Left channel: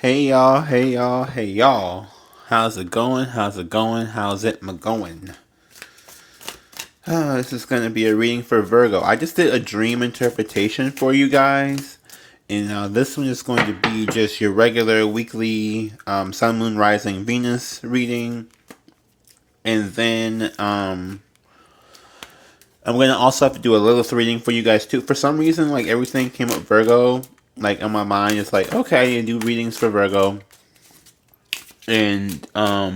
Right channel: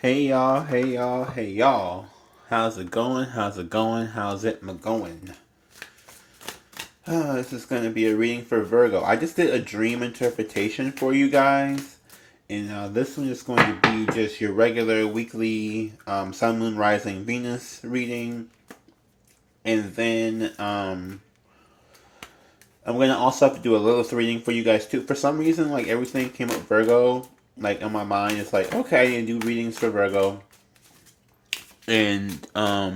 Hey y'all, hey y'all, hey y'all. How's it going? How's it going? How's it going? This is going to be a reading for Virgo. I just did a dream interpretation for you guys. And this one is going to be just your regular weekly Sun, Moon, Rising, Venus reading. And then I'm going to also have to do a Lilith reading for you guys too. For some reason, like everything came up Virgo. Like in my mind, it's like, okay, I do readings for Virgo. And I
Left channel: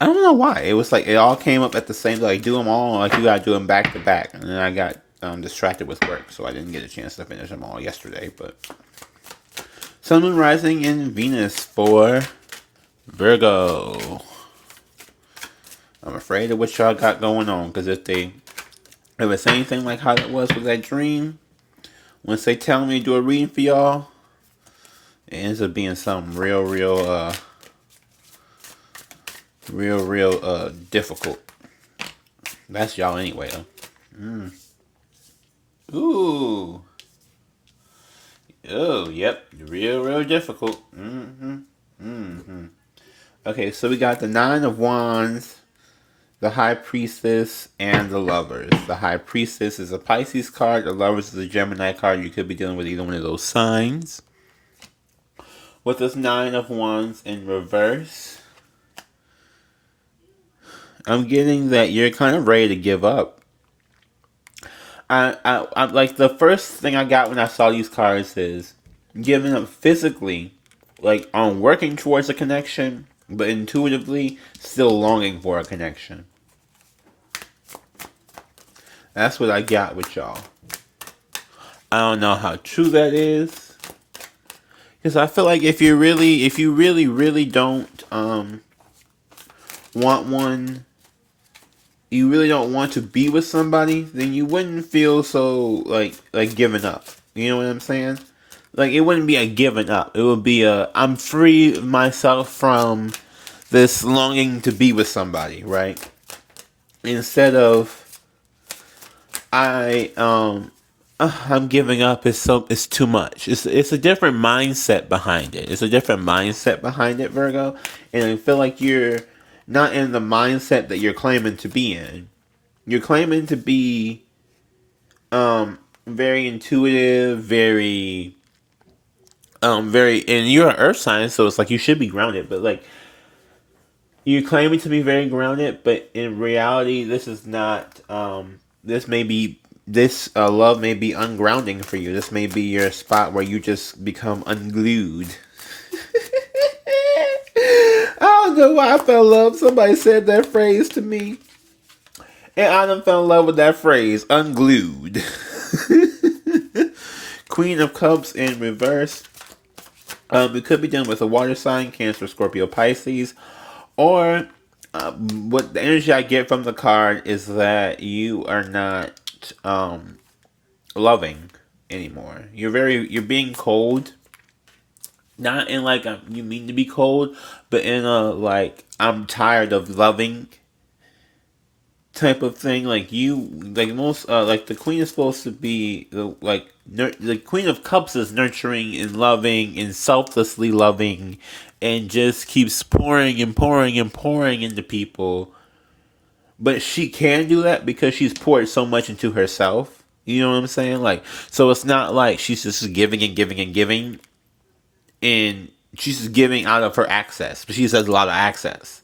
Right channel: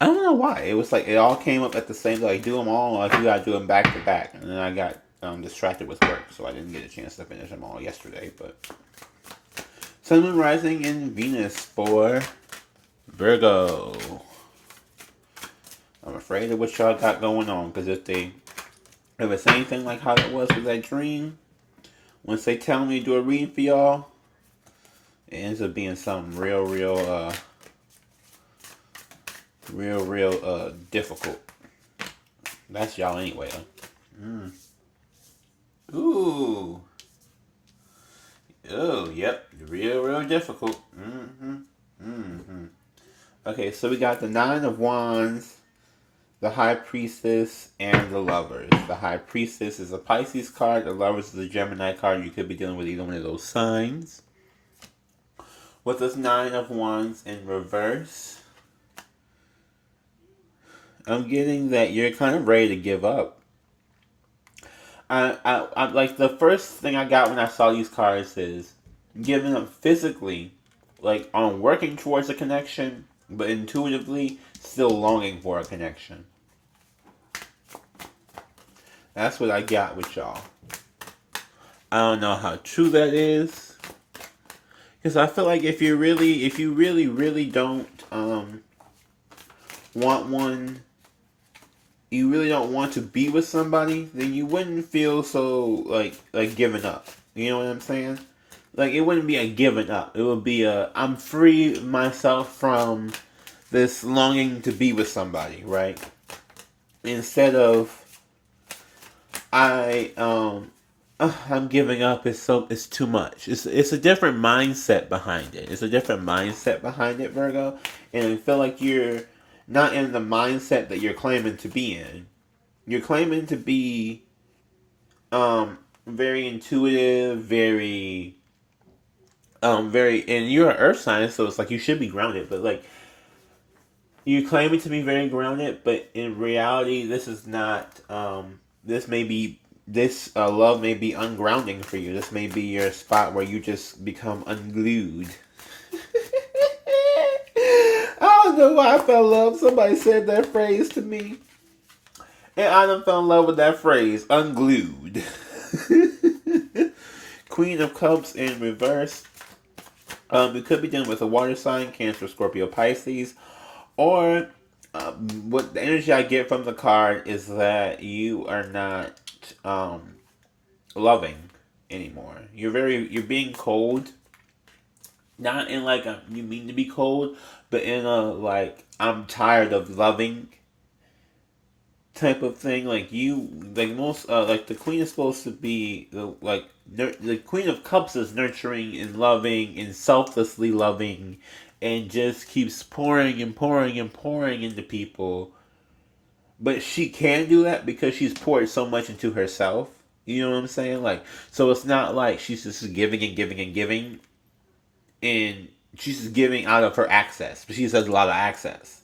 don't know why. It was like it all came up at the same. Like do them all. Like you gotta do them back to back. And then I got distracted with work, so I didn't get a chance to finish them all yesterday. But Sun, Moon, Rising, and Venus for Virgo. I'm afraid of what y'all got going on, because if it's anything like how it was with that dream, once they tell me to do a reading for y'all, it ends up being something real difficult. That's y'all anyway, though. Ooh. Oh, yep. Real difficult. Okay, so we got the Nine of Wands, the High Priestess, and the Lovers. The High Priestess is a Pisces card. The Lovers is a Gemini card. You could be dealing with either one of those signs. With this Nine of Wands in reverse, I'm getting that you're kind of ready to give up. I like the first thing I got when I saw these cards is giving up physically, like on working towards a connection, but intuitively still longing for a connection. That's what I got with y'all. I don't know how true that is, because I feel like if you really don't want one, you really don't want to be with somebody, then you wouldn't feel so like giving up. You know what I'm saying? Like it wouldn't be a giving up. It would be a I'm free myself from this longing to be with somebody, right? Instead of I'm giving up. It's too much. It's a different mindset behind it. It's a different mindset behind it, Virgo. And I feel like you're not in the mindset that you're claiming to be in. You're claiming to be very intuitive, very and you're an earth sign, so it's like you should be grounded, but like you're claiming to be very grounded, but in reality this is not this love may be ungrounding for you. This may be your spot where you just become unglued. I don't know why I fell in love. Somebody said that phrase to me, and I done fell in love with that phrase, unglued. Queen of Cups in reverse. We could be dealing with a water sign, Cancer, Scorpio, Pisces, or what the energy I get from the card is that you are not loving anymore. You're being cold. Not in like you mean to be cold, but in a like I'm tired of loving type of thing. Like you, like most, like the queen is supposed to be the Queen of Cups is nurturing and loving and selflessly loving, and just keeps pouring and pouring and pouring into people. But she can do that because she's poured so much into herself. You know what I'm saying? Like, so it's not like she's just giving and giving and giving, and she's just giving out of her access. But she has a lot of access.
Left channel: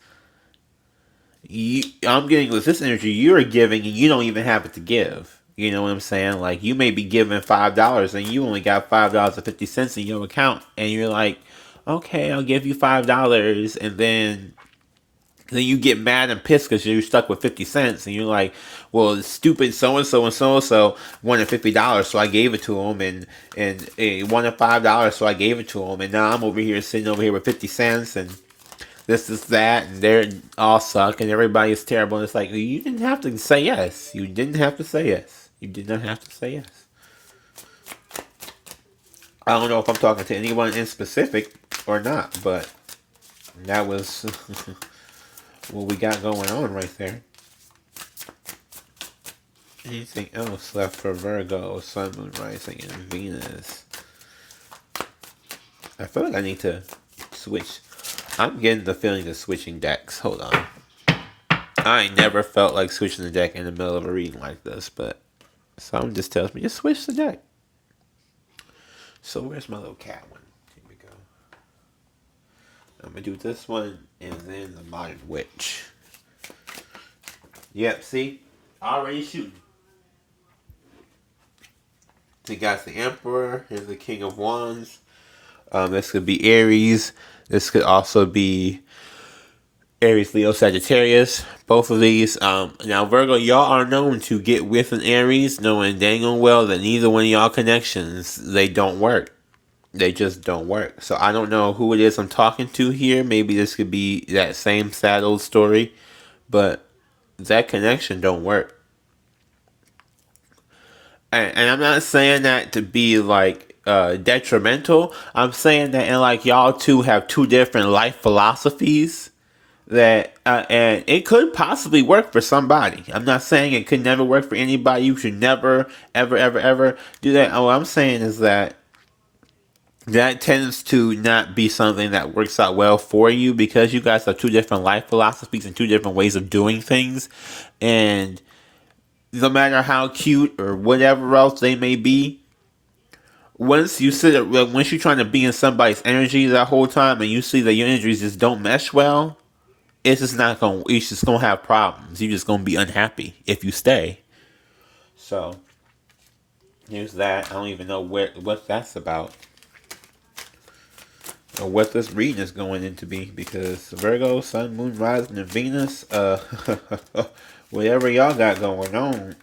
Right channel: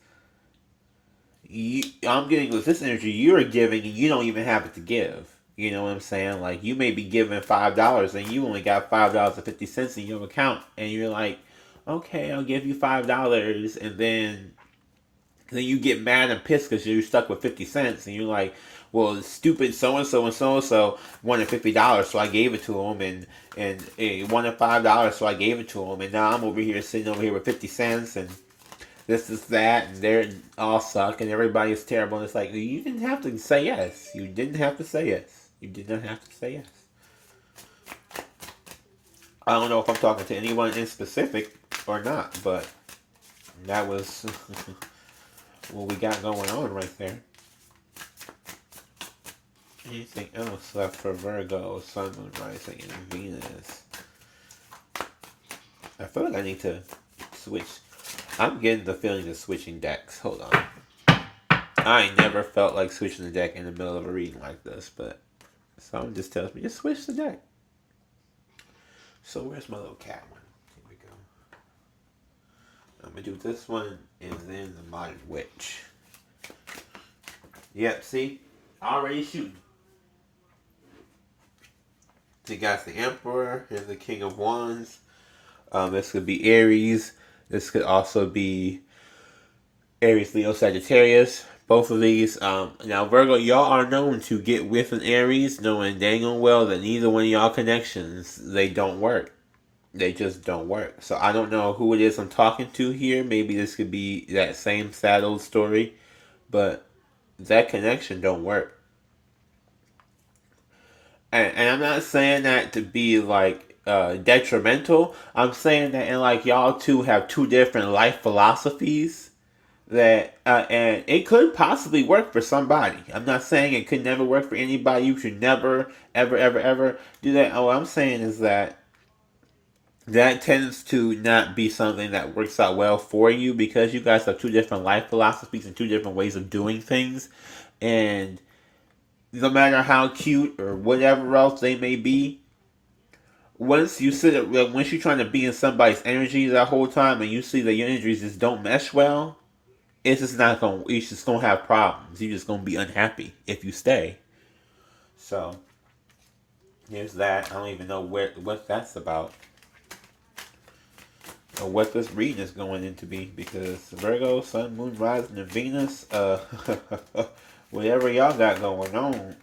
I'm getting with this energy, you're giving and you don't even have it to give. You know what I'm saying? Like you may be giving $5 and you only got $5.50 in your account, and you're like, okay, I'll give you $5, and then you get mad and pissed because you're stuck with 50 cents, and you're like, well, stupid so and so wanted $50, so I gave it to him, and he wanted $5, so I gave it to him, and now I'm over here sitting over here with 50 cents, and this is that, and they're all suck, and everybody is terrible. And it's like, you didn't have to say yes. You didn't have to say yes. You did not have to say yes. I don't know if I'm talking to anyone in specific or not, but that was what we got going on right there. Anything else left for Virgo, Sun, Moon, Rising, and Venus? I feel like I need to switch. I'm getting the feeling of switching decks. Hold on. I ain't never felt like switching the deck in the middle of a reading like this, but someone just tells me, just switch the deck. So where's my little cat one? Here we go. I'm going to do this one and then the Modern Witch. Yep, see? Already shooting. So you got the Emperor. Here's the King of Wands. This could be Aries. This could also be Aries, Leo, Sagittarius. Both of these. Now, Virgo, y'all are known to get with an Aries, knowing dang on well that neither one of y'all connections, they don't work. They just don't work. So I don't know who it is I'm talking to here. Maybe this could be that same sad old story. But that connection don't work. And I'm not saying that to be like detrimental. I'm saying that, and like y'all two have two different life philosophies that and it could possibly work for somebody. I'm not saying it could never work for anybody. You should never ever do that. All I'm saying is that tends to not be something that works out well for you because you guys have two different life philosophies and two different ways of doing things. And no matter how cute or whatever else they may be, once you're trying to be in somebody's energy that whole time and you see that your energies just don't mesh well, it's just gonna have problems. You're just gonna be unhappy if you stay. So here's that. I don't even know what that's about or what this reading is going into be, because Virgo, Sun, Moon, Rising, and Venus, whatever y'all got going on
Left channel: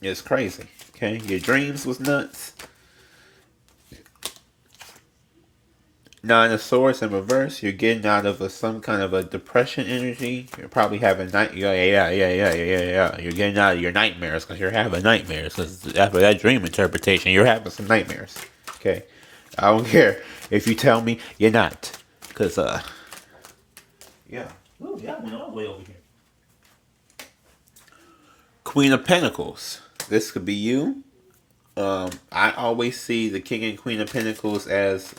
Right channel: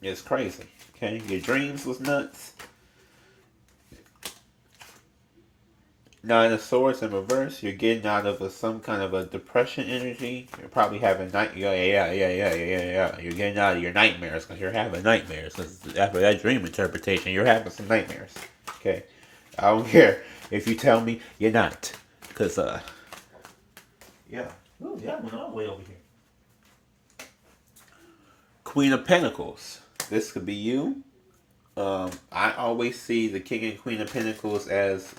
is crazy. Okay, your dreams was nuts. Nine of Swords in reverse. You're getting out of some kind of a depression energy. You're probably having yeah. You're getting out of your nightmares because you're having nightmares. Because after that dream interpretation, you're having some nightmares. Okay, I don't care if you tell me you're not, because yeah. Ooh, yeah, I went all the way over here. Queen of Pentacles. This could be you. I always see the King and Queen of Pentacles as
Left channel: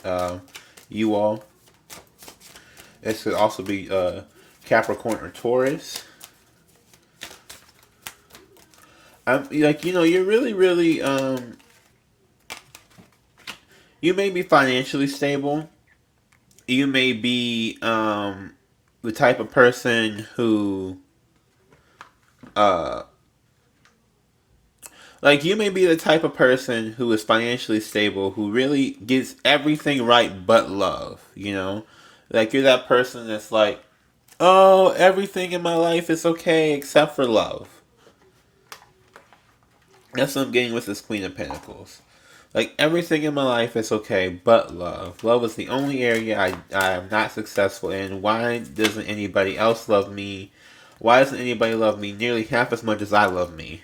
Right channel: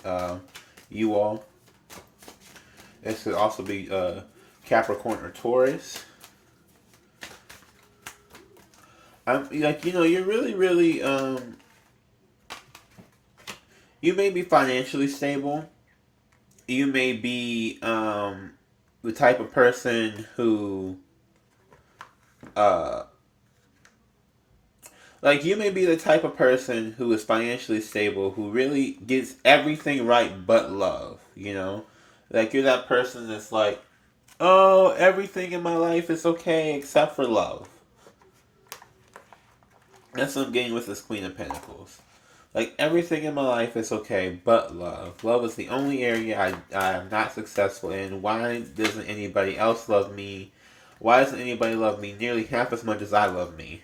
you all. This could also be Capricorn or Taurus. You're really, you may be financially stable. You may be the type of person who, you may be the type of person who is financially stable, who really gets everything right but love, Like, you're that person that's like, oh, everything in my life is okay except for love. That's what I'm getting with this Queen of Pentacles. Like, everything in my life is okay but love. Love is the only area I am not successful in. Why doesn't anybody else love me? Why doesn't anybody love me nearly half as much as I love me?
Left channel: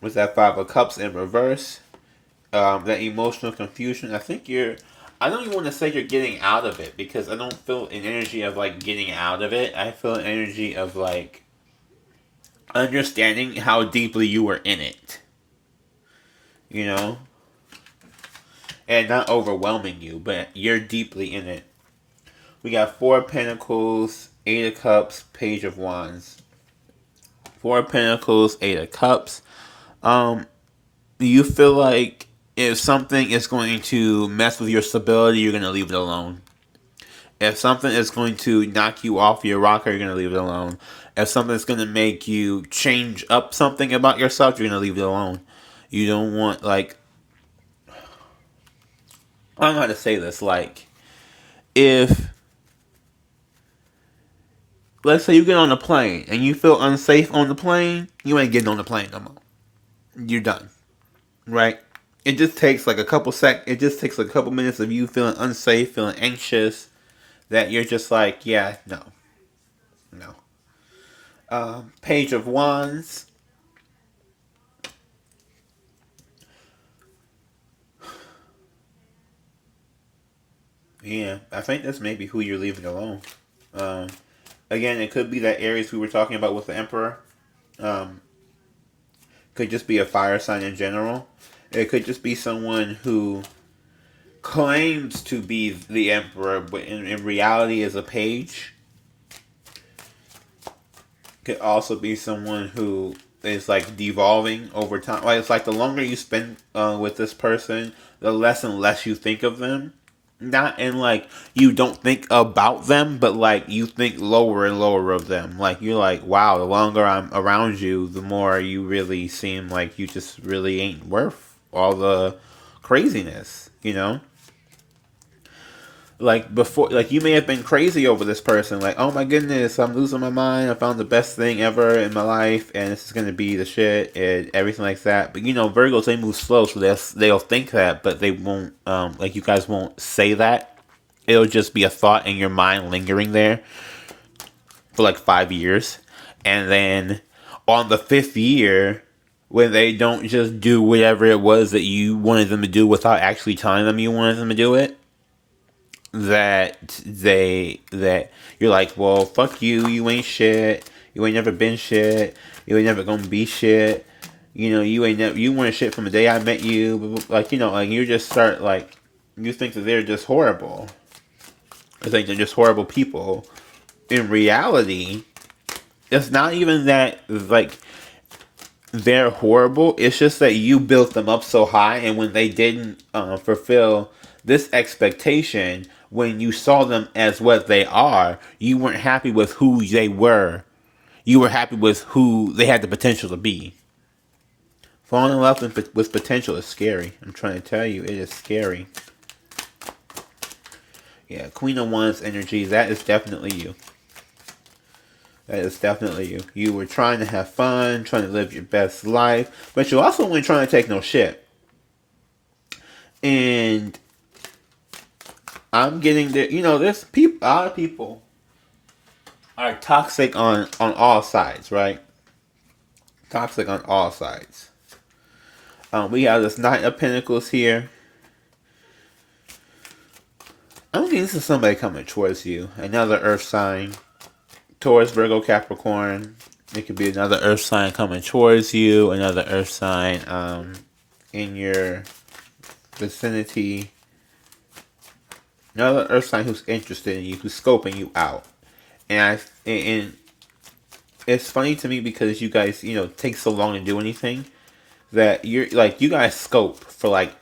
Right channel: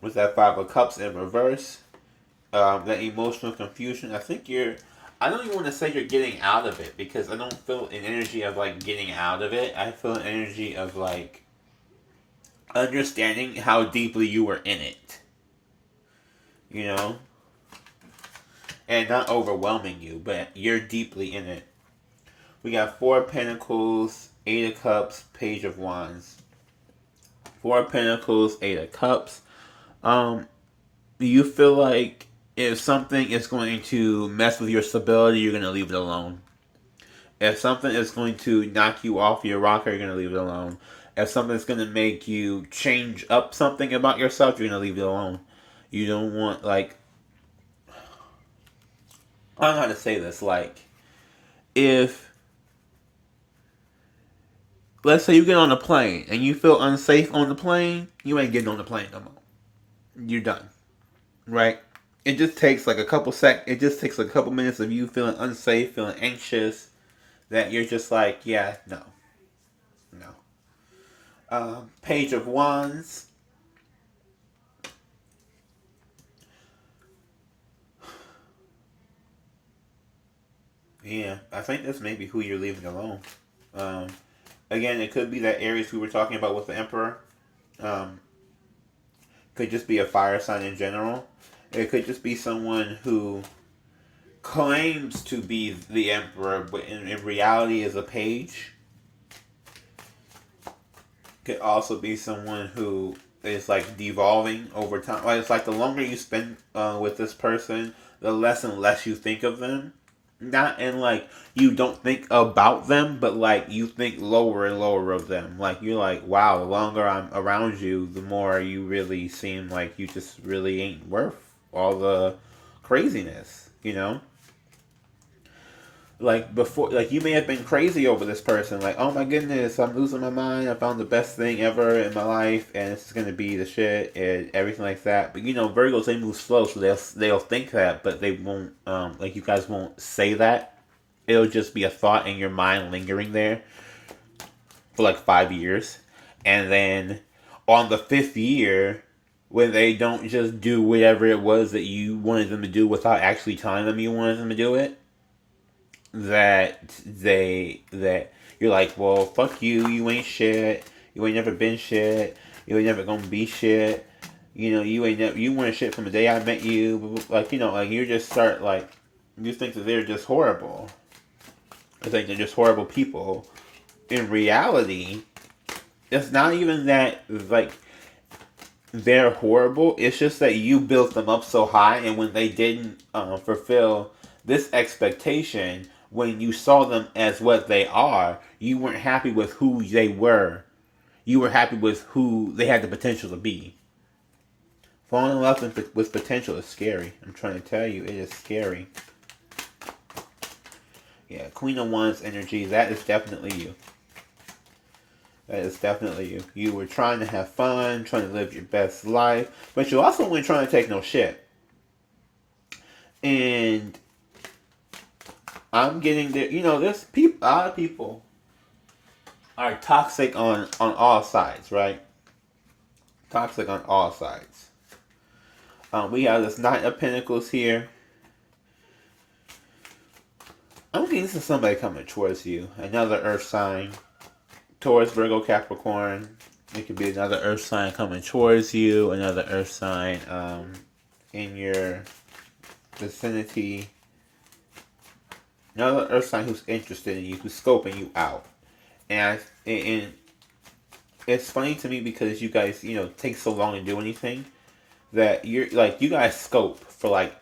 With that Five of Cups in reverse, that emotional confusion. I don't even want to say you're getting out of it, because I don't feel an energy of like getting out of it. I feel an energy of like understanding how deeply you were in it, and not overwhelming you, but you're deeply in it. We got Four of Pentacles, Eight of Cups, Page of Wands. Four of Pentacles, Eight of Cups. You feel like if something is going to mess with your stability, you're going to leave it alone. If something is going to knock you off your rocker, you're going to leave it alone. If something's going to make you change up something about yourself, you're going to leave it alone. You don't want, I don't know how to say this. If, let's say you get on a plane and you feel unsafe on the plane, you ain't getting on the plane no more. You're done. Right? It just takes a couple minutes of you feeling unsafe, feeling anxious, that you're just like, yeah, no. Page of Wands. Yeah, I think that's maybe who you're leaving alone. Again, it could be that Aries we were talking about with the Emperor. Could just be a fire sign in general. It could just be someone who claims to be the emperor, but in reality is a page. Could also be someone who is like devolving over time. Like it's like the longer you spend with this person, the less and less you think of them. Not in like you don't think about them, but like you think lower and lower of them. Like you're like, wow, the longer I'm around you, the more you really seem like you just really ain't worth all the craziness, you know? Like before, like you may have been crazy over this person, like, oh my goodness, I'm losing my mind, I found the best thing ever in my life and this is gonna be the shit and everything like that. But you know, Virgos, they move slow, so they'll think that, but they won't, like you guys won't say that. It'll just be a thought in your mind lingering there for like 5 years, and then on the fifth year, when they don't just do whatever it was that you wanted them to do without actually telling them you wanted them to do it, that you're like, well, fuck you, you ain't shit, you ain't never been shit, you ain't never gonna be shit, you know, you weren't shit from the day I met you, like, you know, like you just start like, you think that they're just horrible. I think they're just horrible people. In reality, it's not even that like they're horrible. It's just that you built them up so high, and when they didn't fulfill this expectation, when you saw them as what they are, you weren't happy with who they were. You were happy with who they had the potential to be. Falling in love with potential is scary. I'm trying to tell you, it is scary. Yeah, Queen of Wands energy, that is definitely you. That is definitely you. You were trying to have fun, trying to live your best life, but you also weren't trying to take no shit. And I'm getting there. You know, there's a lot of people are toxic on all sides, right? Toxic on all sides. We have this Knight of Pentacles here. I'm getting this is somebody coming towards you. Another Earth sign. Taurus, Virgo, Capricorn. It could be another Earth sign coming towards you. Another Earth sign in your vicinity. Another Earth sign who's interested in you, who's scoping you out. And it's funny to me because you guys, you know, take so long to do anything that you're like, you guys scope for like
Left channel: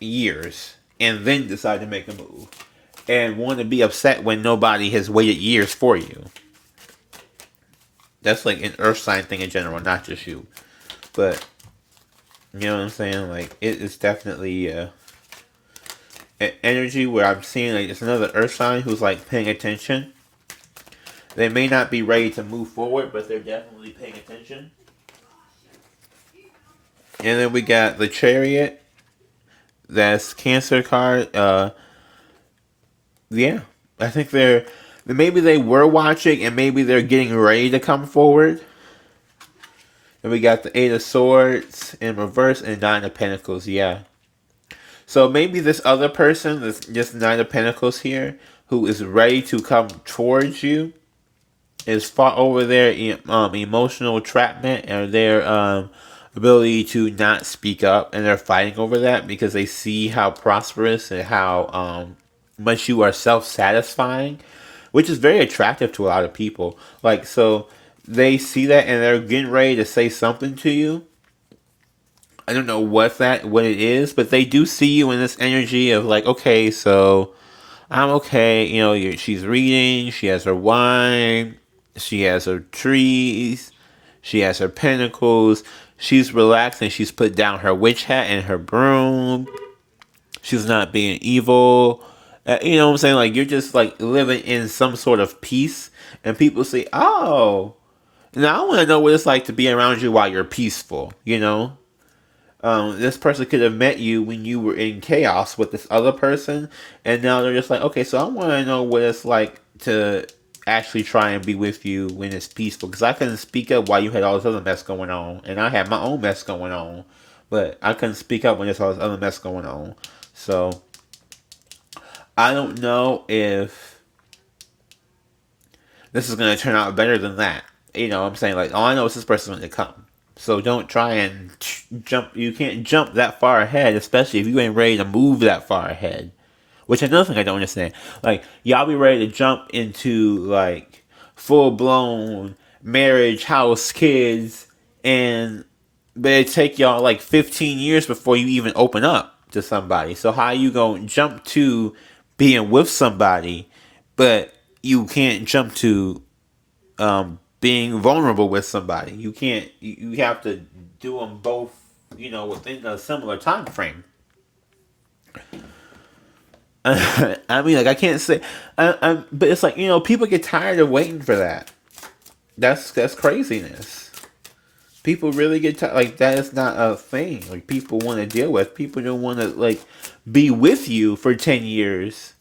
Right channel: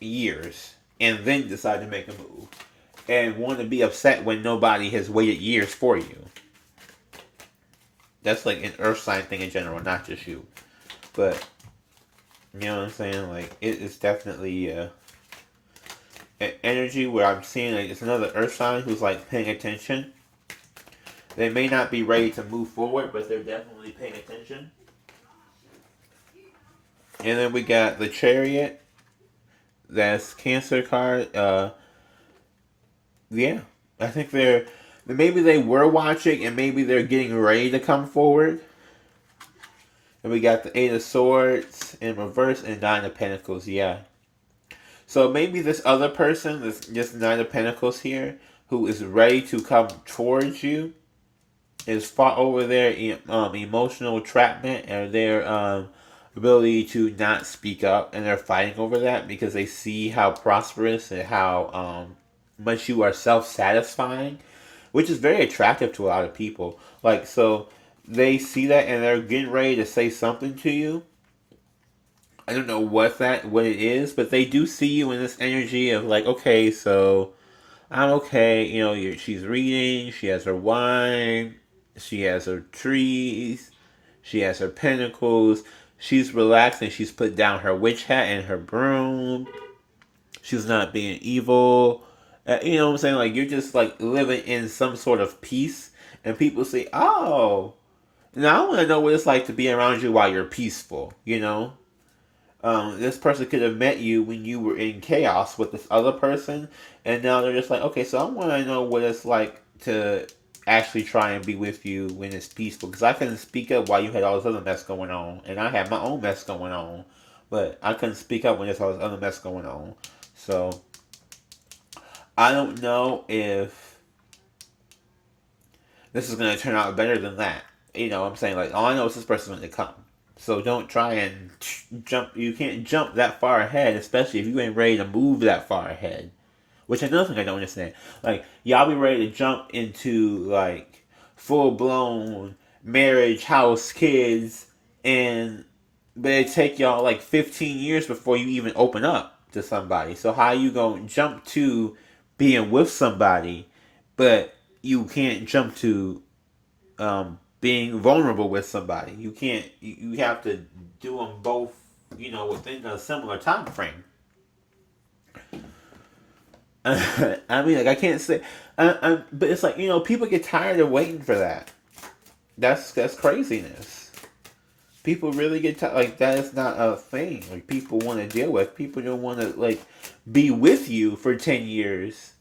years and then decide to make a move and want to be upset when nobody has waited years for you. That's like an Earth sign thing in general, not just you. But, you know what I'm saying? Like, it is definitely an energy where I'm seeing like it's another Earth sign who's like paying attention. They may not be ready to move forward, but they're definitely paying attention. And then we got the Chariot. That's Cancer card. Yeah, I think maybe they were watching and maybe they're getting ready to come forward. And we got the Eight of Swords in reverse and Nine of Pentacles. Yeah. So maybe this other person, this Nine of Pentacles here, who is ready to come towards you, is fought over their emotional entrapment and their ability to not speak up, and they're fighting over that because they see how prosperous and how much you are self-satisfying, which is very attractive to a lot of people. Like, so they see that and they're getting ready to say something to you. I don't know what it is, but they do see you in this energy of like, okay, so I'm okay. You know, she's reading, she has her wine, she has her trees, she has her pentacles, she's relaxing, she's put down her witch hat and her broom. She's not being evil. You know what I'm saying? Like, you're just like living in some sort of peace. And people say, oh, now I want to know what it's like to be around you while you're peaceful, you know? This person could have met you when you were in chaos with this other person. And now they're just like, okay, so I want to know what it's like to actually try and be with you when it's peaceful. Because I couldn't speak up while you had all this other mess going on. And I had my own mess going on. But I couldn't speak up when there's all this other mess going on. So I don't know if this is going to turn out better than that. You know what I'm saying? Like, all I know is this person's going to come. So don't try and jump. You can't jump that far ahead, especially if you ain't ready to move that far ahead. Which another thing I don't understand. Like, y'all be ready to jump into like full blown marriage, house, kids, and but it take y'all like 15 years before you even open up to somebody. So how you gonna jump to being with somebody, but you can't jump to being vulnerable with somebody? You can't. You have to do them both. Within a similar time frame. I mean, like I can't say, but it's like people get tired of waiting for that. That's craziness. People really get tired. Like that is not a thing. Like people want to deal with. People don't want to like be with you for 10 years,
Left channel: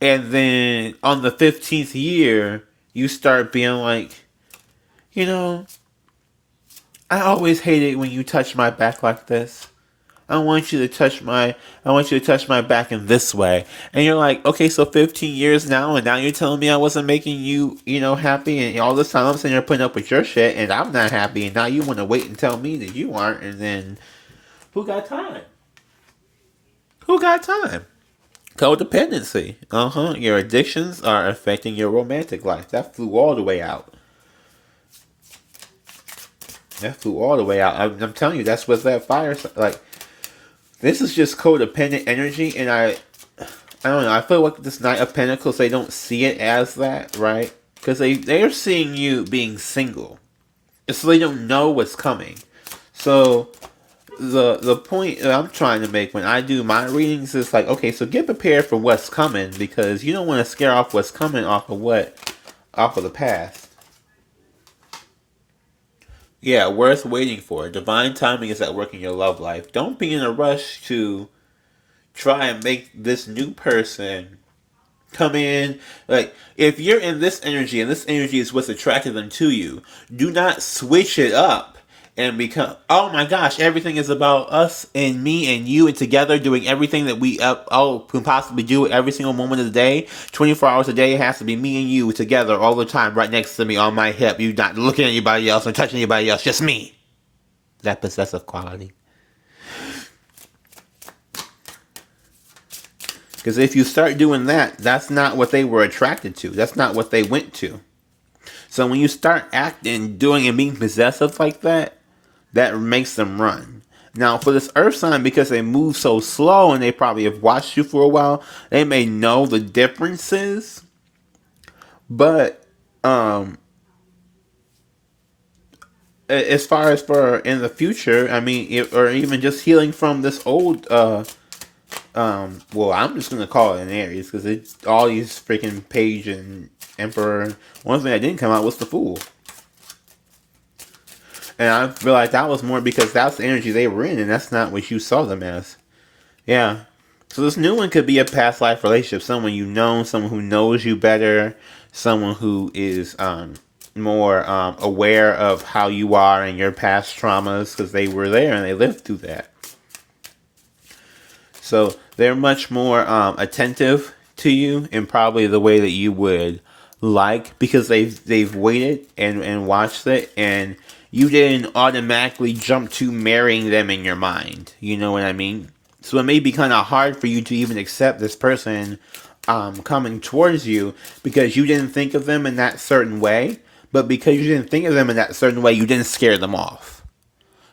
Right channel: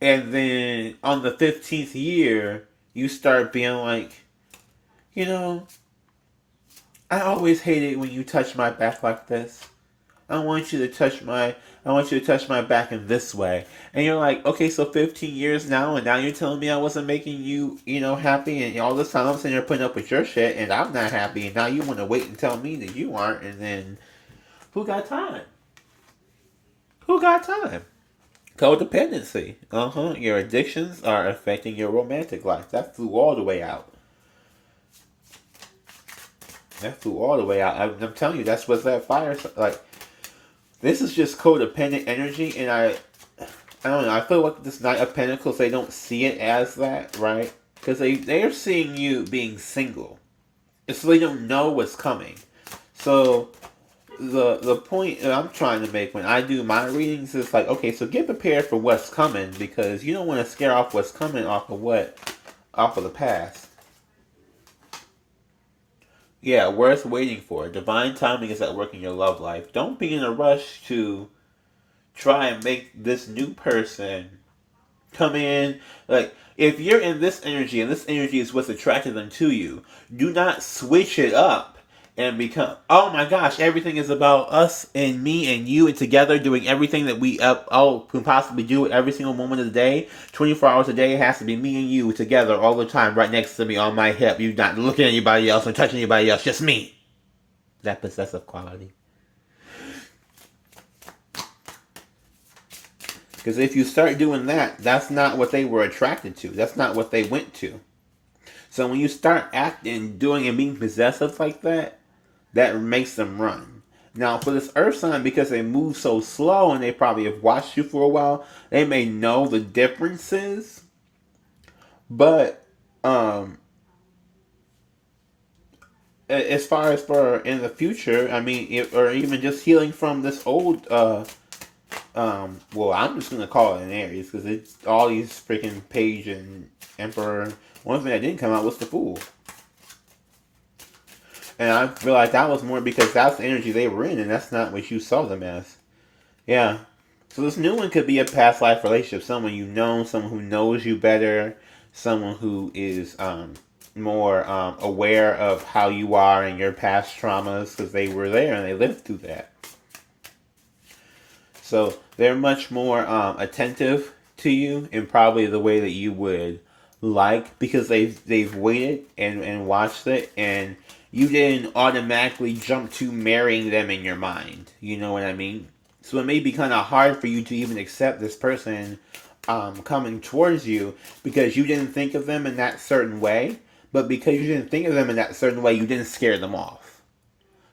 and then on the 15th year, you start being like, you know, I always hated when you touch my back like this. I want you to touch my back in this way. And you're like, okay, so 15 years now, and now you're telling me I wasn't making you, happy, and all this time I'm sitting there putting up with your shit, and I'm not happy, and now you want to wait and tell me that you aren't, and then who got time? Who got time? Codependency. Your addictions are affecting your romantic life. That flew all the way out. That flew all the way out. I'm telling you, that's what that fire like. This is just codependent energy, and I don't know. I feel like this Knight of Pentacles, they don't see it as that, right? Because they're seeing you being single, so they don't know what's coming. So the point that I'm trying to make when I do my readings is like, okay, so get prepared for what's coming, because you don't want to scare off what's coming off of the past. Yeah, worth waiting for. Divine timing is at work in your love life. Don't be in a rush to try and make this new person come in. Like, if you're in this energy and this energy is what's attracting them to you, do not switch it up and become, oh my gosh, everything is about us and me and you and together doing everything that we can possibly do every single moment of the day. 24 hours a day, it has to be me and you together all the time, right next to me on my hip. You not looking at anybody else or touching anybody else, just me. That possessive quality. Because if you start doing that, that's not what they were attracted to. That's not what they went to. So when you start acting, doing, and being possessive like that, that makes them run. Now, for this earth sign, because they move so slow and they probably have watched you for a while, they may know the differences. But as far as for in the future, I mean, or even just healing from this old, well, I'm just gonna call it an Aries because it's all these freaking Page and Emperor. One thing that didn't come out was the Fool. And I realized that was more because that's the energy they were in, and that's not what you saw them as. Yeah. So this new one could be a past life relationship. Someone you know, someone who knows you better, someone who is more aware of how you are and your past traumas because they were there and they lived through that. So they're much more attentive to you in probably the way that you would like, because they've waited and watched it, and you didn't automatically jump to marrying them in your mind. You know what I mean? So it may be kind of hard for you to even accept this person coming towards you because you didn't think of them in that certain way. But because you didn't think of them in that certain way, you didn't scare them off.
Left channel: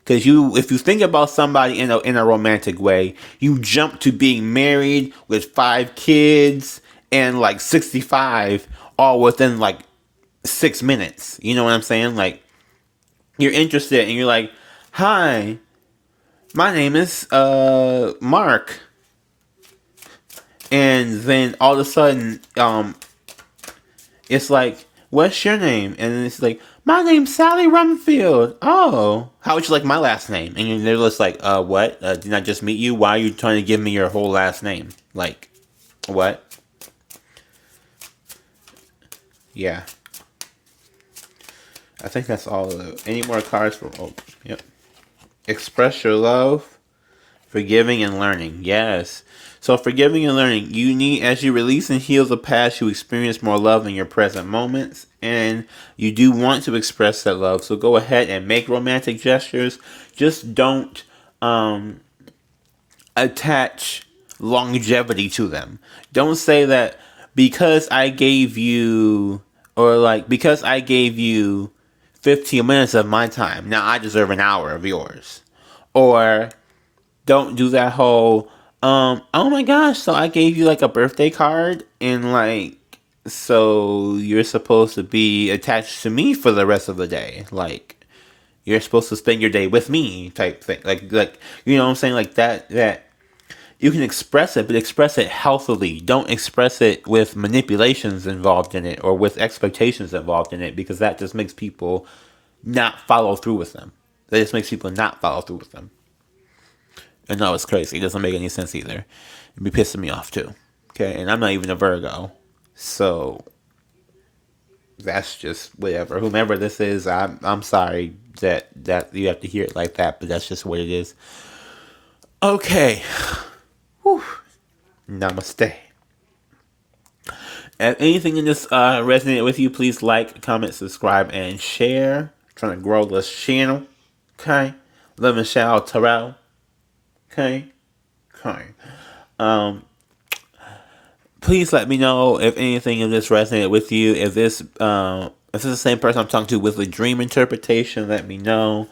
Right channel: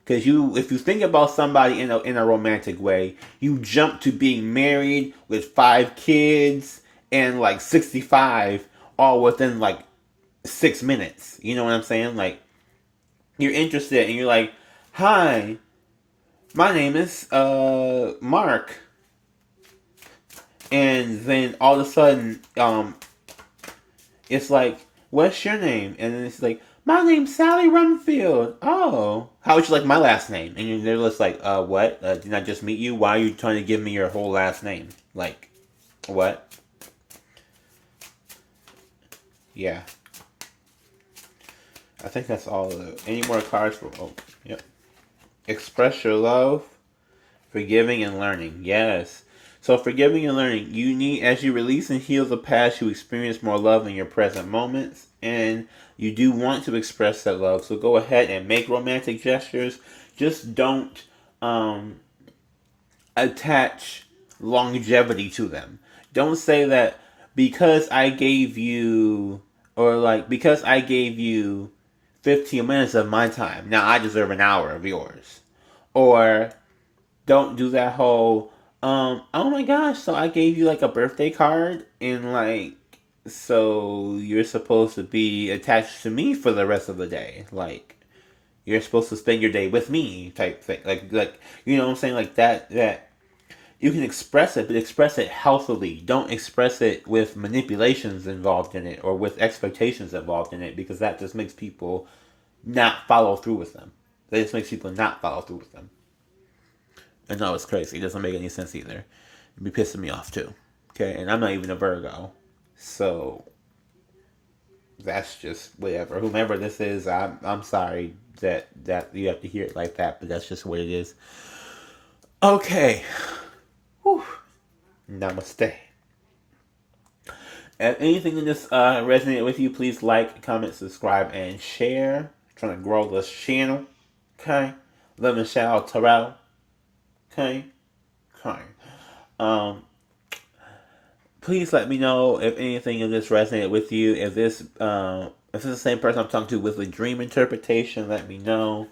Because if you think about somebody in a romantic way, you jump to being married with 5 kids and like 65 all within like 6 minutes. You know what I'm saying? Like, you're interested and you're like, hi, my name is Mark. And then all of a sudden, it's like, what's your name? And then it's like, my name's Sally Rumfield. Oh, how would you like my last name? And they're just like, what? Did I just meet you? Why are you trying to give me your whole last name? Like, what? Yeah. I think that's all. Any more cards for? Oh, yep. Express your love, forgiving and learning. Yes. So forgiving and learning, you need, as you release and heal the past, you experience more love in your present moments, and you do want to express that love. So go ahead and make romantic gestures. Just don't attach longevity to them. Don't say that because I gave you, or like, because I gave you 15 minutes of my time, now I deserve an hour of yours. Or don't do that whole, oh my gosh, so I gave you like a birthday card and like, so you're supposed to be attached to me for the rest of the day. Like, you're supposed to spend your day with me type thing. Like, you know what I'm saying? Like that you can express it, but express it healthily. Don't express it with manipulations involved in it or with expectations involved in it, because that just makes people not follow through with them. That just makes people not follow through with them. And no, it's crazy. It doesn't make any sense either. It'd be pissing me off too. Okay, and I'm not even a Virgo. So that's just whatever. Whomever this is, I'm sorry that you have to hear it like that, but that's just what it is. Okay. Whew. Namaste. If anything in this resonated with you, please like, comment, subscribe, and share. I'm trying to grow this channel. Okay. Love and shout out Terrell. Okay. Okay. Please let me know if anything of this resonated with you. If this is the same person I'm talking to with a dream interpretation, let me know.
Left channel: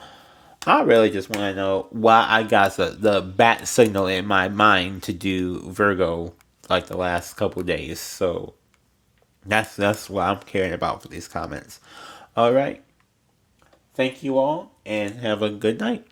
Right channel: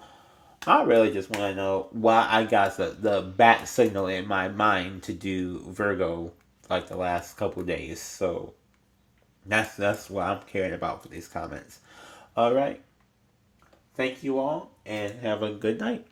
I really just want to know why I got the bat signal in my mind to do Virgo like the last couple days. So that's what I'm caring about for these comments. All right. Thank you all and have a good night.